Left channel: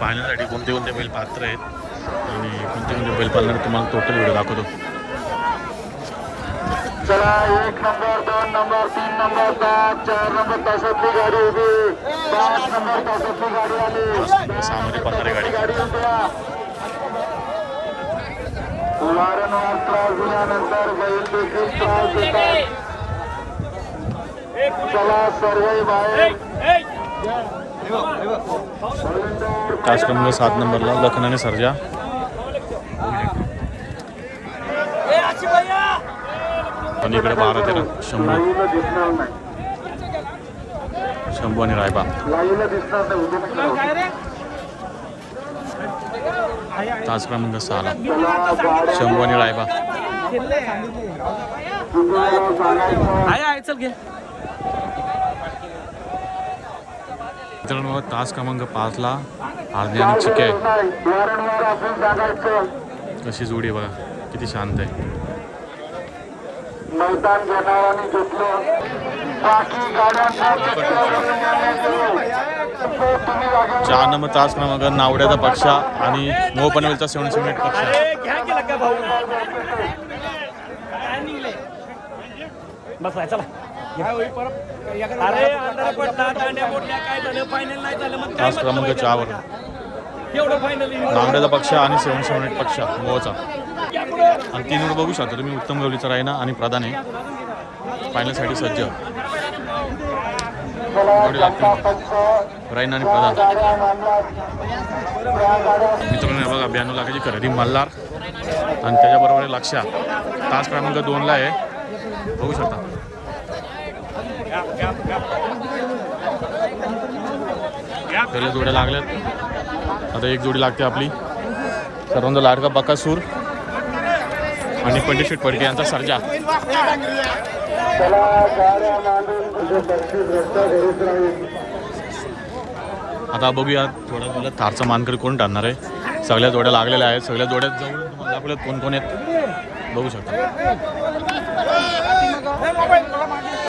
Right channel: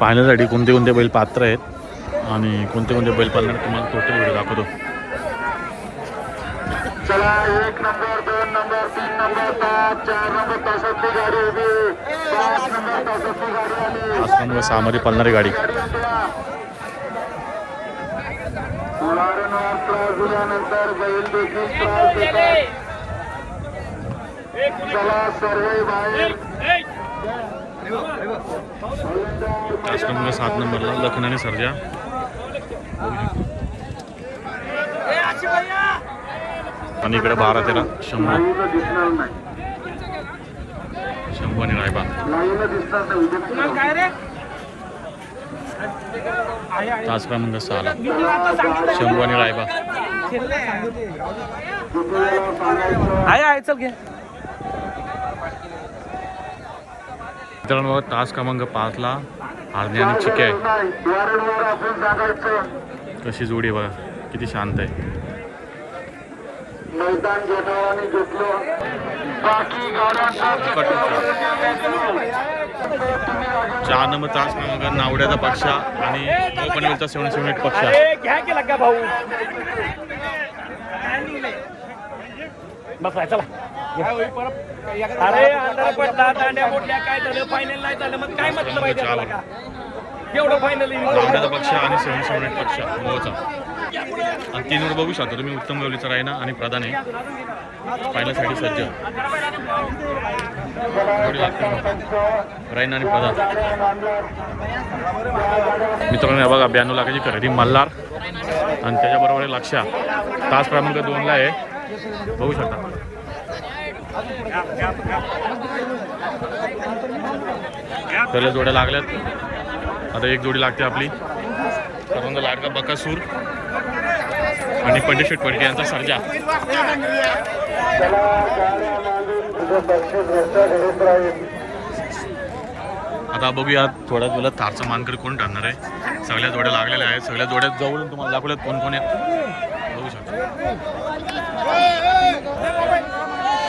पाहण्यासाठी कोणते कोणते बैल पात्र आहेत आणि कोणते कोणते बैल पाळणार तुम्हाला टोटल व्हिडिओ दाखवतो. चला 1 नंबर 2 नंबर 3 नंबर 4 नंबर तासातली गाडी उभी 5 नंबर तासातली गाडी आली. पाच नंबर सामोरी पळणारी गाडी. चला सर्व बाहेर. तास क्रमांक 7 नंबरला लखन आणि सर्जा. आणि इकडे 12-13 शंभू आणि रायबा. तास क्रमांक 6ला शंभू आणि रायबा. मित्रांनो तास क्रमांक 5ला आरणे आणि चिके आहे. कशी जोडी बघा किती शांत आहे. 4 नंबर तास क्रमांक नावड्याचा पक्षा आणि नो पनवेलचा 778 पक्षा. तास क्रमांक 4 वर नावड्याचा पक्षा आणि 778 पक्षा मोहचा. आणि 3 वर बघू शकता तुम्ही उत्तम गवलीचा रायना आणि प्रधान आहे पाहण्यासाठी सज्ज. जोडी लागते रायना आणि प्रधान. मित्रांनो बघा 92 लाखाची खरेदी मल्हार आणि त्याच्याबरोबर आहे लक्षा. तास क्रमांक 2ला आहे बघू शकता. त्याला जोड्या लागल्यात. आता एक जोडी लागते आपली सर्वांचा लाडका बकासूर आणि पंडित पडके यांचा सर्जा. आता बघूया थोडा तुला थारचा मानकरी कोण टाळणार आहे. सगळ्या जोड्या लागलेल्या आहेत. सगळ्या जोड्यात जाऊन तुम्हाला दाखवल्यात कोण कोण आहेत बघू शकता.